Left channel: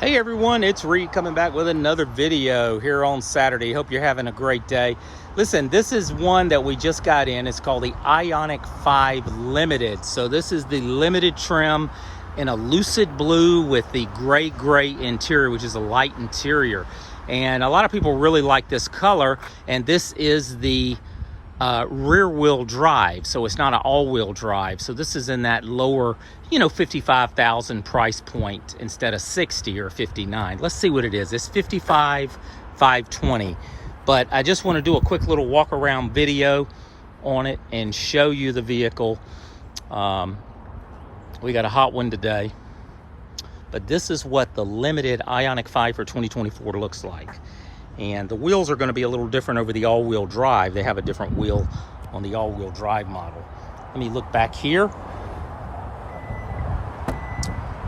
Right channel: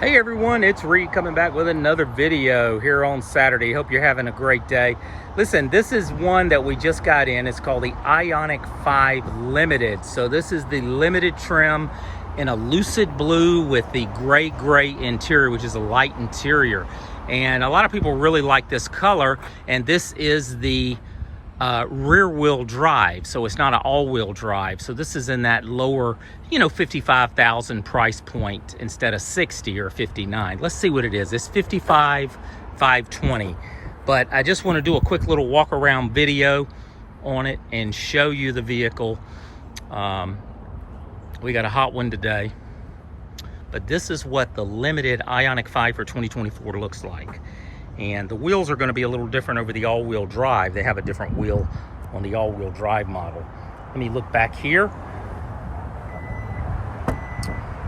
Hey everyone, it's Reed coming back with another video here on Saturday. Hope you're having a great day. Listen, this is one that we just got in. It's called the IONIQ 5 Limited. So this is the limited trim in a lucid blue with the gray interior, which is a light interior. And a lot of people really like this color. And this is the rear wheel drive. So it's not an all wheel drive. So this is in that lower, 55,000 price point instead of 60 or 59. Let's see what it is. It's 55,520. But I just want to do a quick little walk around video on it and show you the vehicle. We got a hot one today, but this is what the limited IONIQ 5 for 2024 looks like. And the wheels are going to be a little different over the all-wheel drive. They have a different wheel on the all-wheel drive model. Let me look back here.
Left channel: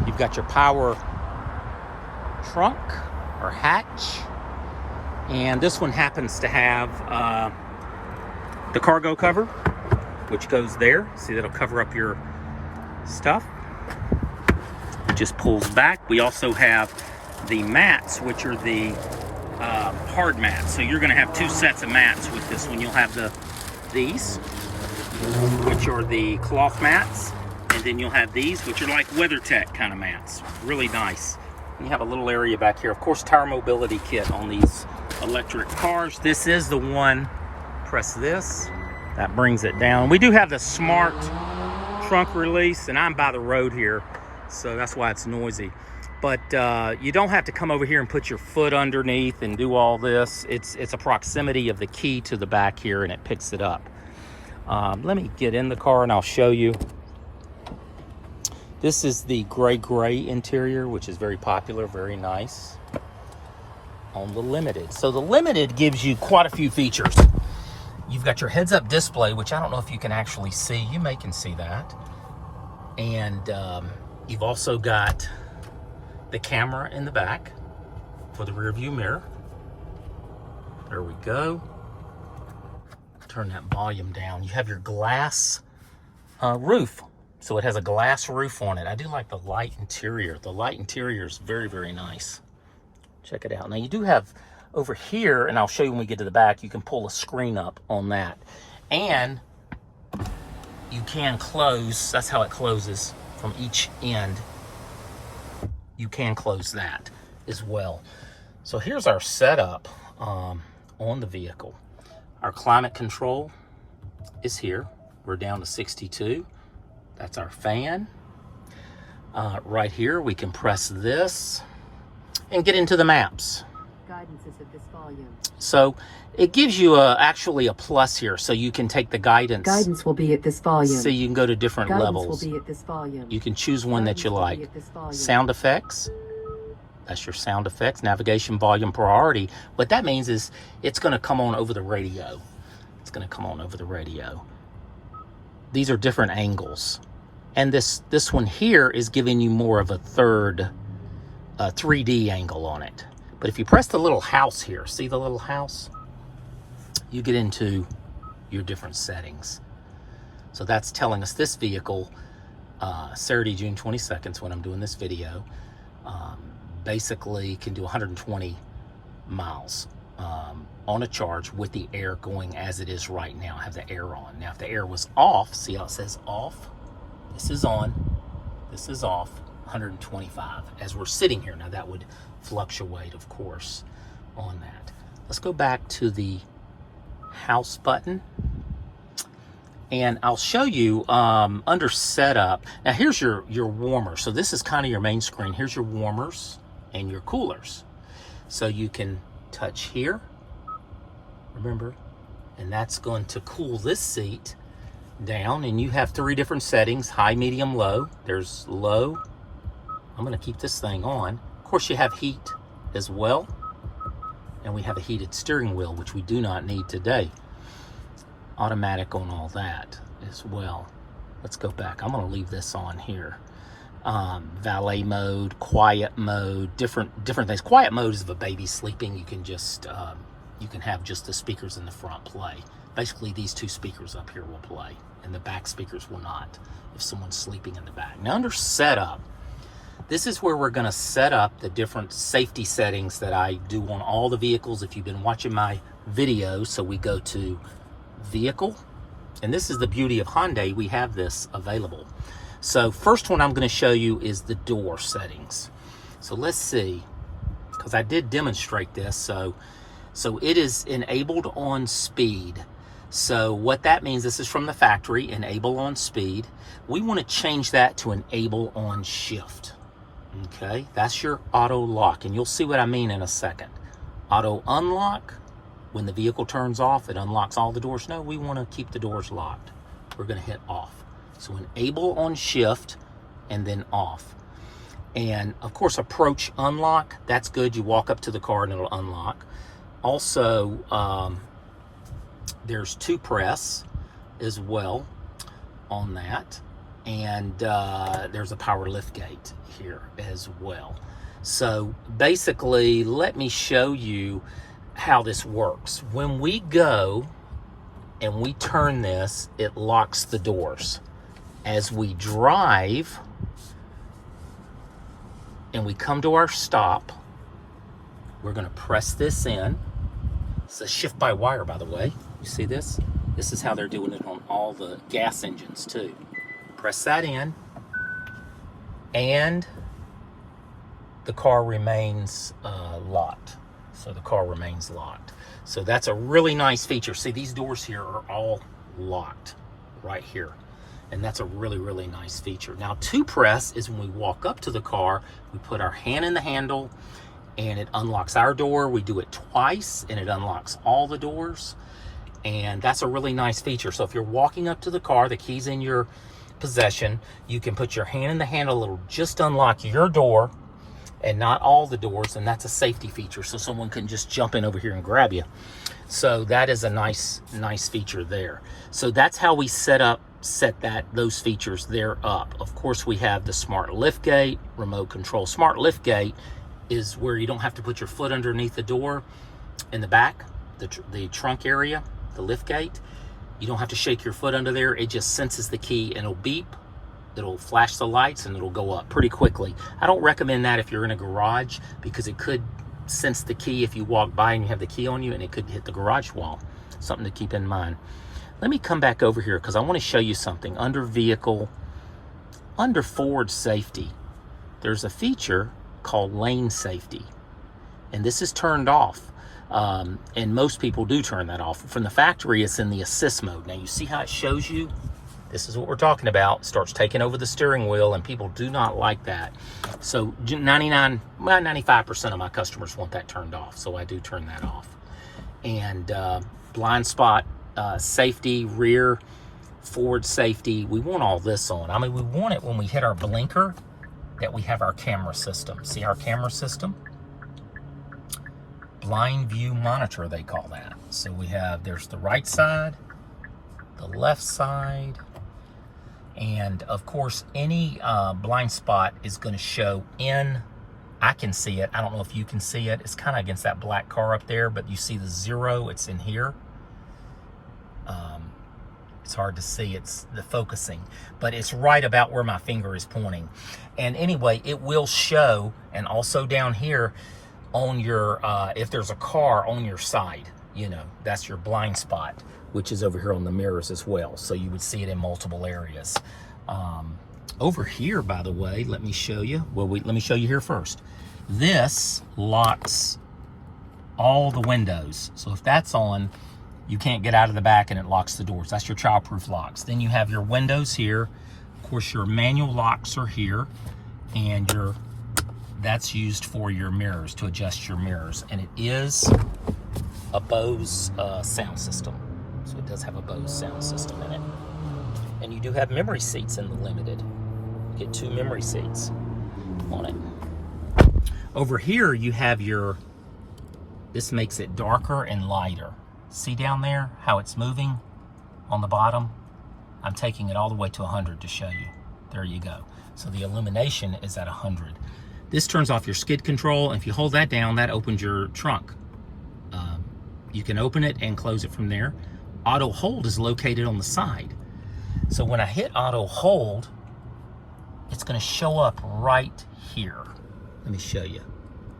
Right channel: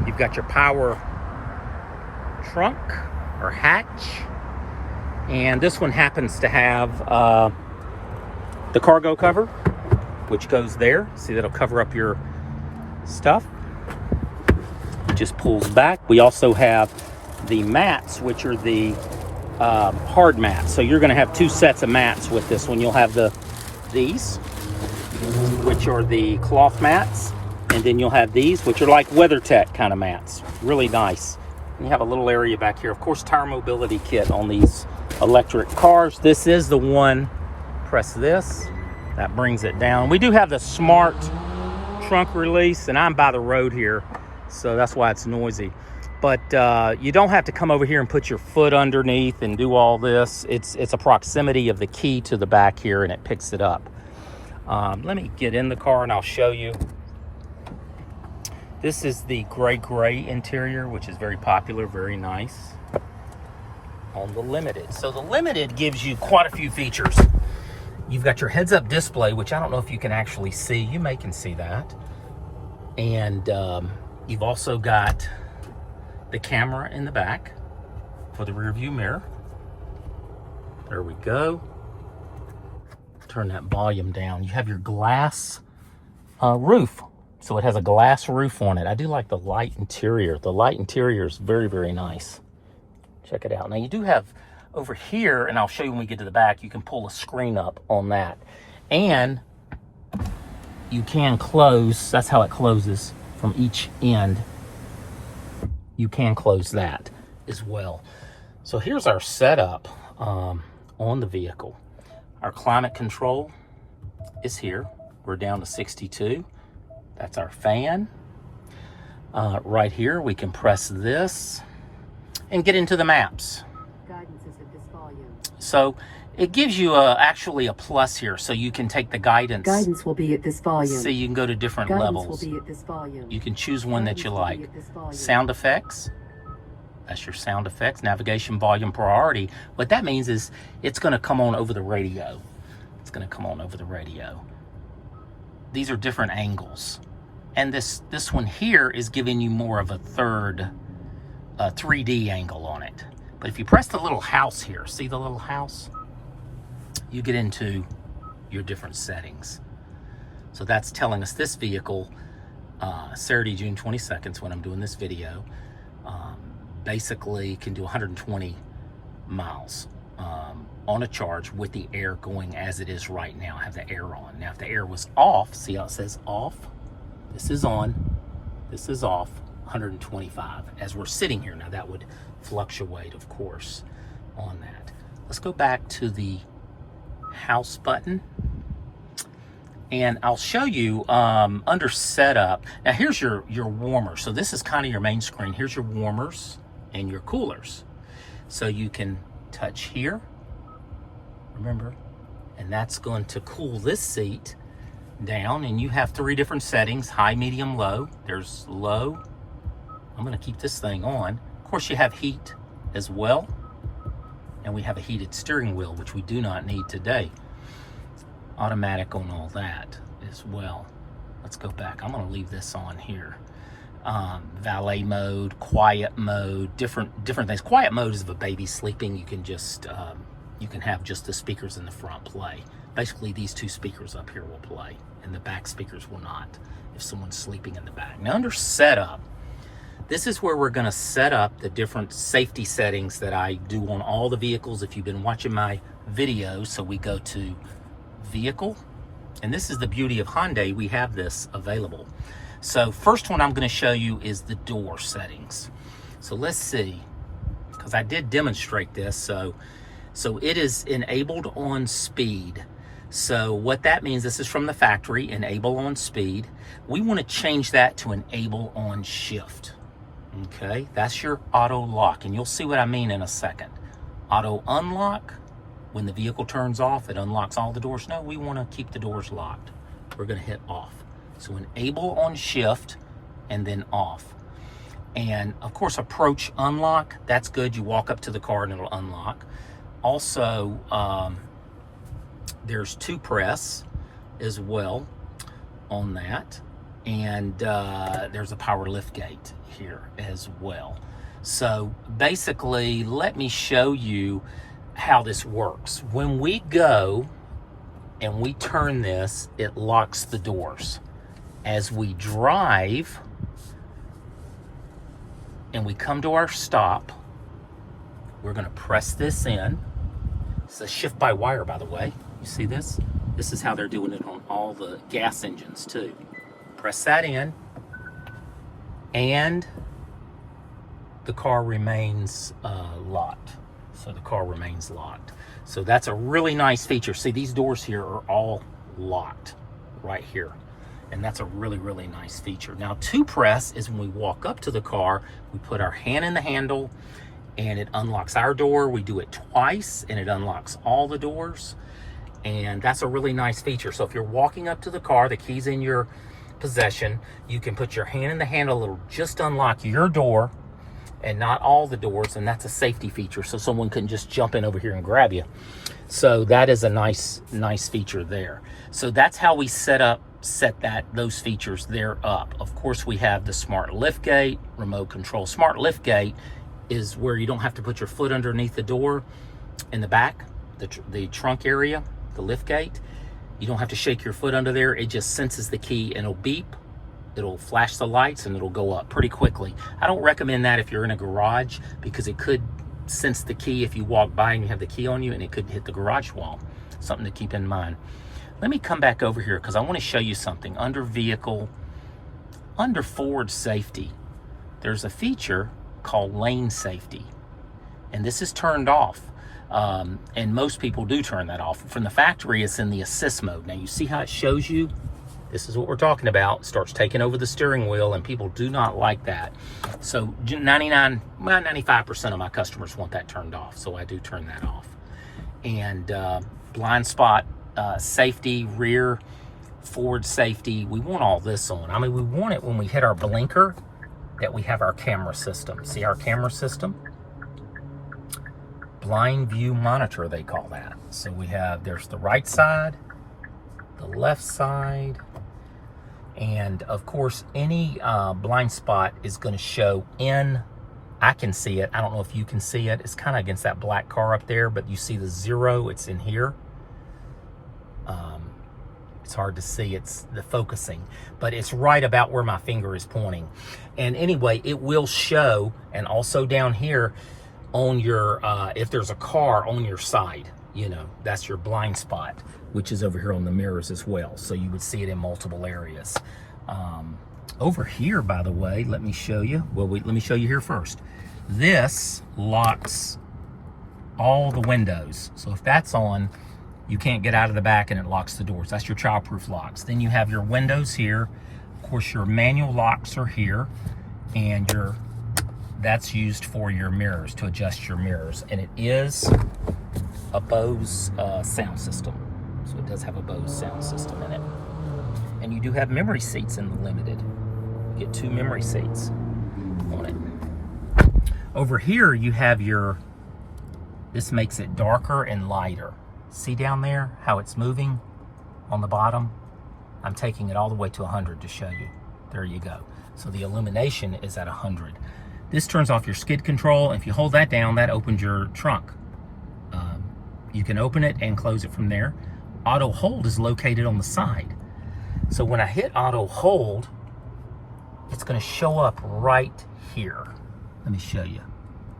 You've got your power trunk or hatch. And this one happens to have the cargo cover, which goes there. See, that'll cover up your stuff. It just pulls back. We also have the mats, which are the hard mats. So you're going to have two sets of mats with this one. You'll have these, which are the cloth mats. And then you'll have these, which are like WeatherTech kind of mats. Really nice. And you have a little area back here. Of course, tire mobility kit on these electric cars. This is the one. Press this. That brings it down. We do have the smart trunk release, and I'm by the road here, so that's why it's noisy. But you don't have to come over here and put your foot underneath and do all this. It's a proximity of the key to the back here, and it picks it up. Let me get in the car and I'll show you. This is the gray interior, which is very popular, very nice on the Limited. So the Limited gives you quite a few features. You've got your heads-up display, which I don't know if you can actually see. You can see that. And you've also got the camera in the back for the rear view mirror. There we go. Turn that volume down. You have your glass roof. So it has a glass roof on it. I do like the light interior. The light interior is very nice. Check it out. Now you do have over here, and I'll show you when we get to the back, you can pull a screen up on that. And you can close, that's how it closes from each end. You can close that as well. So here's our setup on the vehicle. Our climate control is here. We're down to 62. That's our fan. Right here, we can press this and get into the maps. Guidance is at this volume. So it gives you actually a plus here, so you can take the guidance. Guidance will be at this volume. So you can go to different levels. Guidance will be at this volume. You can choose one that you like. Sound effects. That's your sound effects. Navigation volume priority. What that means is it's going to come on over the radio. It's going to come on over the radio. These are different angles. And this one here is giving you more of a third 3D angle on it. But if you press the little house here, see the little house? You get into your different settings. So that's telling us this vehicle, Saturday, June 22nd, when I'm doing this video, basically can do 120 miles on a charge with the air going as it is right now. I have the air on. Now, if the air was off, see how it says off? This is on, this is off, 125 as we're sitting here. Now that would fluctuate, of course, on that. Let's go back to the house button. And I'll show you under setup. Now here's your warmer. So this is kind of your main screen. Here's your warmers and your coolers. So you can touch here, remember, and that's going to cool this seat down. And you have three different settings: high, medium, low. There's low. I'm going to keep this thing on. Of course, you have heat as well. And we have a heated steering wheel, which we do not need today. Automatic on all that as well. Let's go back. I'm going to leave this on here. Valet mode, quiet mode, different things. Quiet mode is if a baby's sleeping, you can just you can have just the speakers in the front play. Basically, these two speakers up here will play, and the back speakers will not if someone's sleeping in the back. Now, under setup, This is where we're going to set up the different safety settings that I do on all the vehicles if you've been watching my videos. So we go to Vehicle, and this is the beauty of Hyundai, we have this available. So first one I'm going to show you is the door settings. So let's see, because I did demonstrate this. So it is enabled on speed. So what that means, this is from the factory, enable on speed. We want to change that to enable on shift. Okay, that's your auto lock, and you'll see what I mean in a second. Auto unlock, when the vehicle turns off, it unlocks all the doors. No, we want to keep the doors locked. We're going to hit off. So enable on shift and then off. And of course, approach unlock, that's good. You walk up to the car and it'll unlock. Also, there's 2 press as well on that. And there's a power lift gate here as well. So basically, let me show you how this works. When we go and we turn this, it locks the doors. As we drive and we come to our stop, we're going to press this in. It's a shift by wire, by the way. You see this? This is how they're doing it on all the gas engines too. Press that in, and the car remains locked. So the car remains locked. So that's a really nice feature. See, these doors here are all locked right here. And that's a really, really nice feature. Now, 2 press is when we walk up to the car, we put our hand in the handle and it unlocks our door. We do it twice and it unlocks all the doors. And that's a really nice feature. So if you're walking up to the car, the key's in your possession, you can put your hand in the handle, it'll just unlock your door and not all the doors, and that's a safety feature, so someone can just jump in over here and grab you. So that is a nice feature there. So that's how we set those features there up. Of course, we have the smart lift gate, remote control. Smart lift gate is where you don't have to put your foot underneath the door in the back, the trunk area, the lift gate. You don't have to shake your foot under there. It just senses the key and it'll beep. It'll flash the lights and it'll go up pretty quickly. I don't recommend that if you're in a garage, because it could sense the key if you walk by and you have the key on you, and it could hit the garage wall. Something to keep in mind. Let me come back over here because I want to show you something. Under vehicle, under forward safety, there's a feature called lane safety. And this is turned off. And most people do turn that off. From the factory, it's in the assist mode. Now you see how it shows you? This is what we're talking about. It starts taking over the steering wheel, and people do not like that. So 95% of my customers want that turned off. So I do turn that off. And blind spot safety, rear, forward safety, we want all this on. I mean, we want it when we hit our blinker that we have our camera system. See our camera system? Blind view monitor, they call that. So we have, there's the right side, the left side, and of course any blind spot is going to show in. I can see it. I don't know if you can see it. It's kind of against that black car up there, but you see the 0, it's in here. It's hard to see, it's the focusing, but it's right about where my finger is pointing. And anyway, it will show, and also down here on your, if there's a car on your side, you know, that's your blind spot, which is over here on the mirrors as well. So you would see it in multiple areas. Over here, by the way, let me show you. Well, let me show you here first. This locks all the windows. So if that's on, you can't get out of the back and it locks the doors. That's your childproof locks. Then you have your windows here. Of course, your manual locks are here, and that's used for your mirrors, to adjust your mirrors. And it is a Bose sound system. So it does have a Bose sound system in it. And you do have memory seats in the Limited. You get 2 memory seats on it. Over here, you have this makes it darker and lighter. See down there how it's moving on the bottom? I'm taking it all the way to 100 to show you. There you go. So the illumination is at 100. This turns off your skid control, and if you hold that down, that opens your trunk. You can open it and close it from there. Auto hold is located on the side. So when I hit auto hold, it's going to show up right here. Let me show you.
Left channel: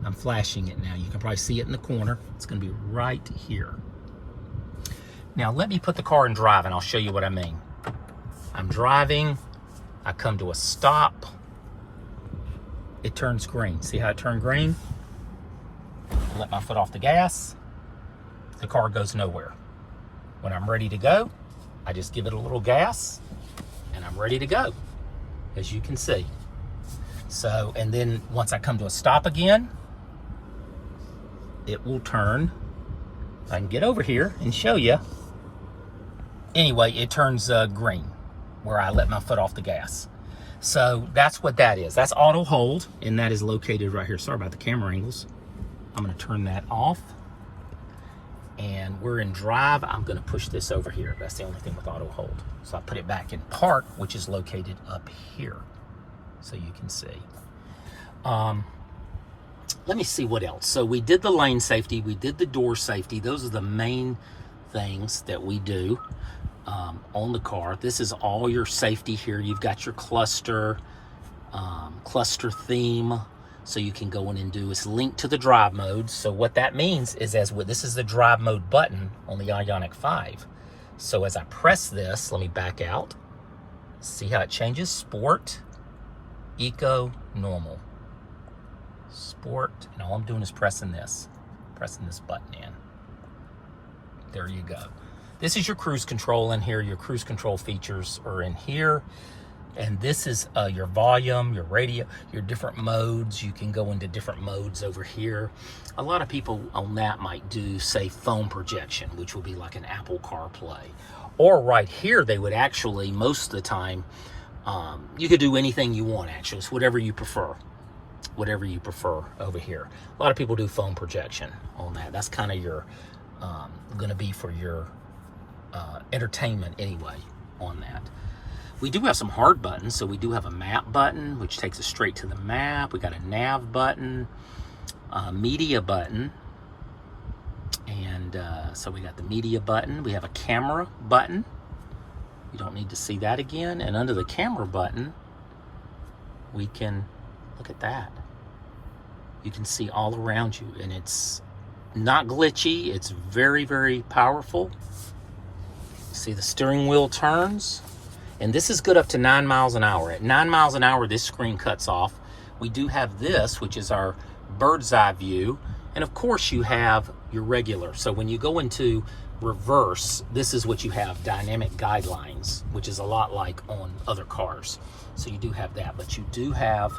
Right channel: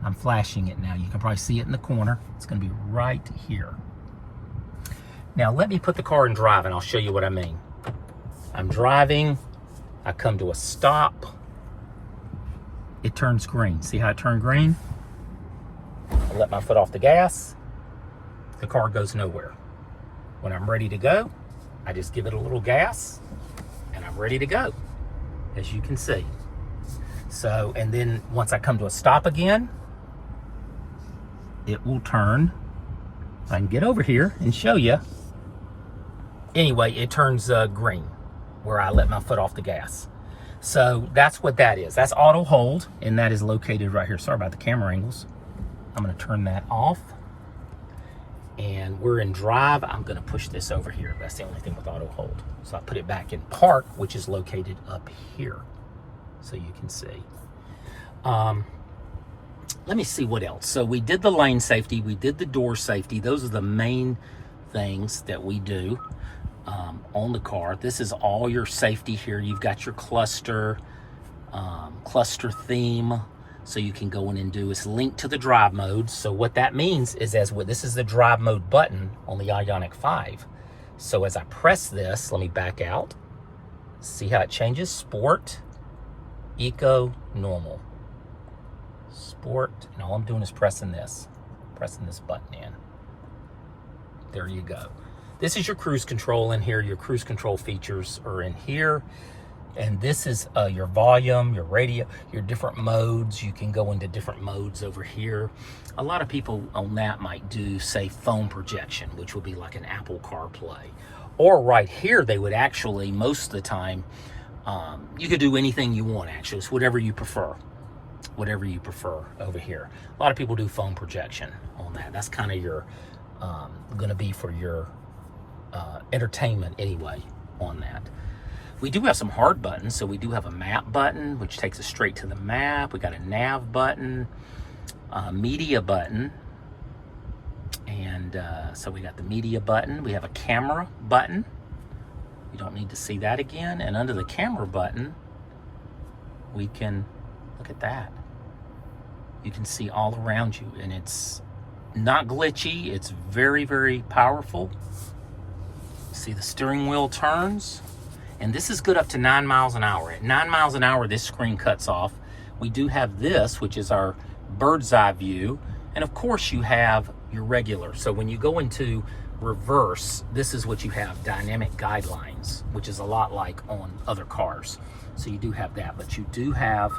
I'm flashing it now. You can probably see it in the corner. It's going to be right here. Now let me put the car in drive and I'll show you what I mean. I'm driving. I come to a stop. It turns green. See how it turned green? I let my foot off the gas. The car goes nowhere. When I'm ready to go, I just give it a little gas and I'm ready to go, as you can see. So, and then once I come to a stop again, it will turn. I can get over here and show you. Anyway, it turns green where I let my foot off the gas. So that's what that is. That's auto hold, and that is located right here. Sorry about the camera angles. I'm gonna turn that off. And we're in drive. I'm gonna push this over here. That's the only thing with auto hold. So I put it back in park, which is located up here, so you can see. Let me see what else. So we did the lane safety, we did the door safety. Those are the main things that we do on the car. This is all your safety here. You've got your cluster theme, so you can go in and do. It's linked to the drive mode. So what that means is, this is the drive mode button on the IONIQ 5. So as I press this, let me back out. See how it changes? Sport, Eco, Normal. Sport, and all I'm doing is pressing this button in. There you go. This is your cruise control in here. Your cruise control features are in here. And this is your volume, your radio, your different modes. You can go into different modes over here. A lot of people on that might do, say, phone projection, which would be like an Apple CarPlay. Or right here, they would actually, most of the time, you could do anything you want, actually. It's whatever you prefer. Whatever you prefer over here. A lot of people do phone projection on that. That's kind of your, gonna be for your entertainment anyway on that. We do have some hard buttons. So we do have a map button, which takes us straight to the map. We got a nav button, media button. And so we got the media button. We have a camera button. You don't need to see that again. And under the camera button, we can, look at that. You can see all around you, and it's not glitchy. It's very, very powerful. See, the steering wheel turns, and this is good up to 9 miles an hour. At 9 miles an hour, this screen cuts off. We do have this, which is our bird's eye view, and of course you have your regular. So when you go into reverse, this is what you have, dynamic guidelines, which is a lot like on other cars. So you do have that, but you do have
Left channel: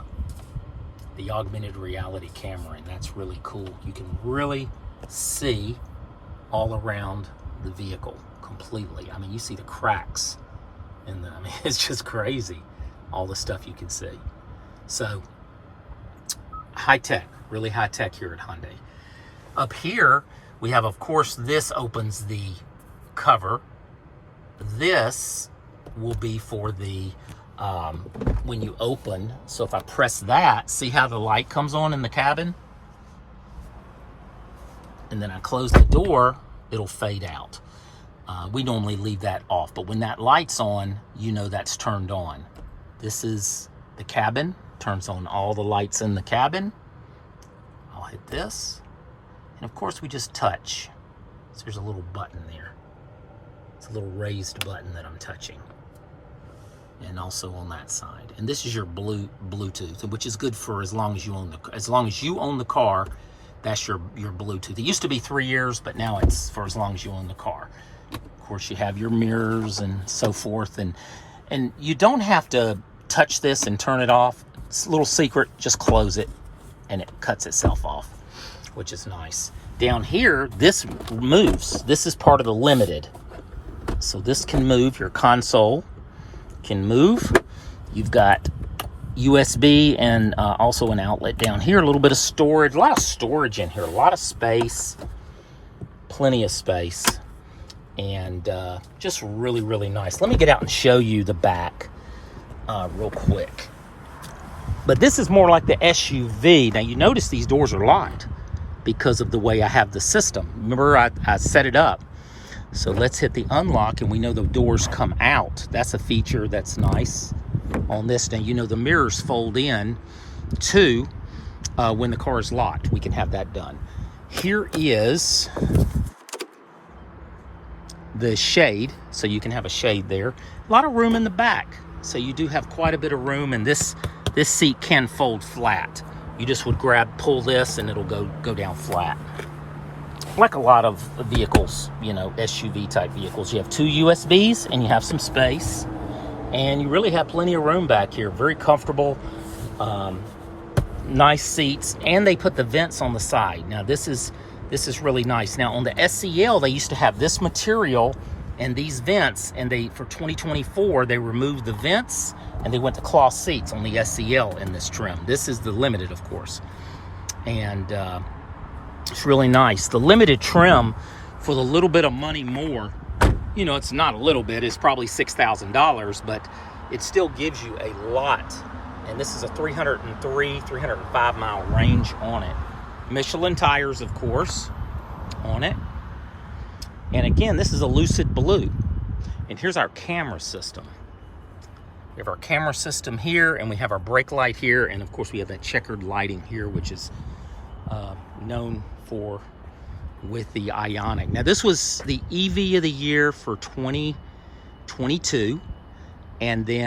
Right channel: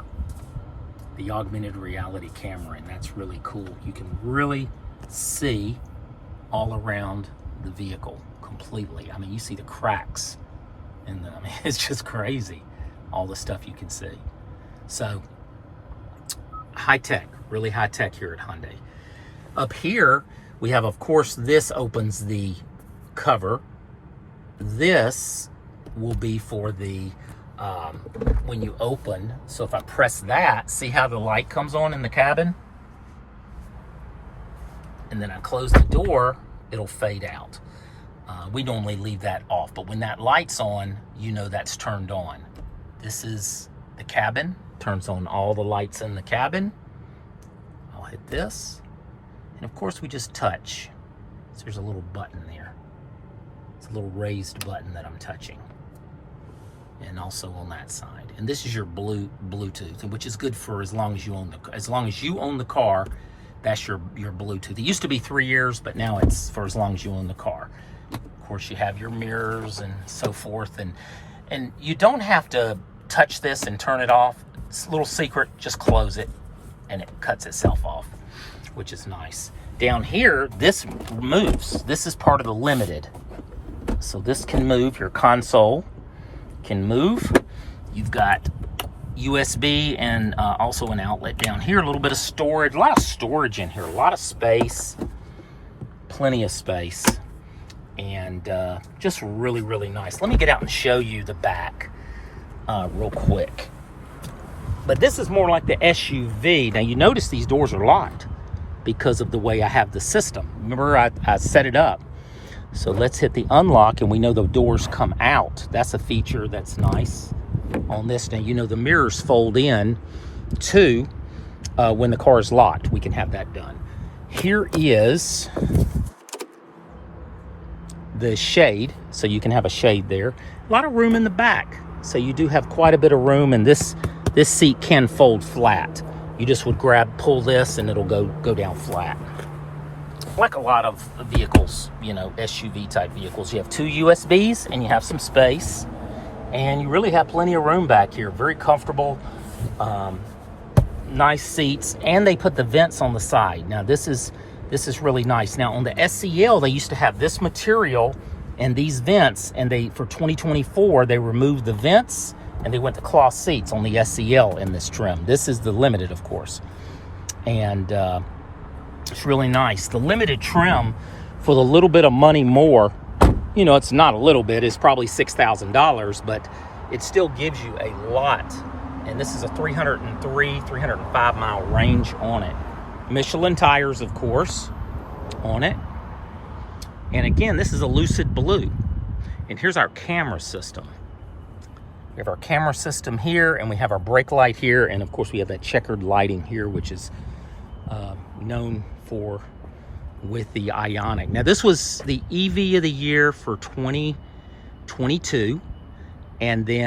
the augmented reality camera, and that's really cool. You can really see all around the vehicle completely. I mean, you see the cracks in the, I mean, it's just crazy, all the stuff you can see. So high tech, really high tech here at Hyundai. Up here, we have, of course, this opens the cover. This will be for the when you open. So if I press that, see how the light comes on in the cabin? And then I close the door, it'll fade out. We normally leave that off, but when that light's on, you know that's turned on. This is the cabin, turns on all the lights in the cabin. I'll hit this. And of course we just touch. So there's a little button there. It's a little raised button that I'm touching. And also on that side. And this is your Bluetooth, which is good for as long as you own the car. That's your Bluetooth. It used to be 3 years, but now it's for as long as you own the car. Of course, you have your mirrors and so forth, and you don't have to touch this and turn it off. It's a little secret. Just close it, and it cuts itself off, which is nice. Down here, this moves. This is part of the limited, so this can move. Your console can move. You've got USB and also an outlet down here. A little bit of storage, a lot of storage in here, a lot of space, plenty of space, and just really, really nice. Let me get out and show you the back real quick. But this is more like the SUV. Now you notice these doors are locked because of the way I have the system. Remember, I set it up. So let's hit the unlock, and we know the doors come out. That's a feature that's nice. on this. Now, you know, the mirrors fold in too when the car is locked. We can have that done. Here is the shade, so you can have a shade there. A lot of room in the back, so you do have quite a bit of room, and this seat can fold flat. You just would pull this, and it'll go down flat. Like a lot of vehicles, you know, SUV type vehicles. You have 2 USBs, and you have some space, and you really have plenty of room back here. Very comfortable, nice seats, and they put the vents on the side. Now this is really nice. Now on the SCL, they used to have this material and these vents, and for 2024 they removed the vents and they went to cloth seats on the SCL in this trim. This is the limited, of course, and it's really nice. The limited trim, for the little bit of money more, you know, it's not a little bit, it's probably $6,000, but it still gives you a lot. And this is a 305 mile range on it. Michelin tires, of course, on it. And again, this is a lucid blue. And here's our camera system. We have our camera system here, and we have our brake light here, and of course we have that checkered lighting here, which is known for with the IONIQ. Now this was the EV of the year for 2022, and then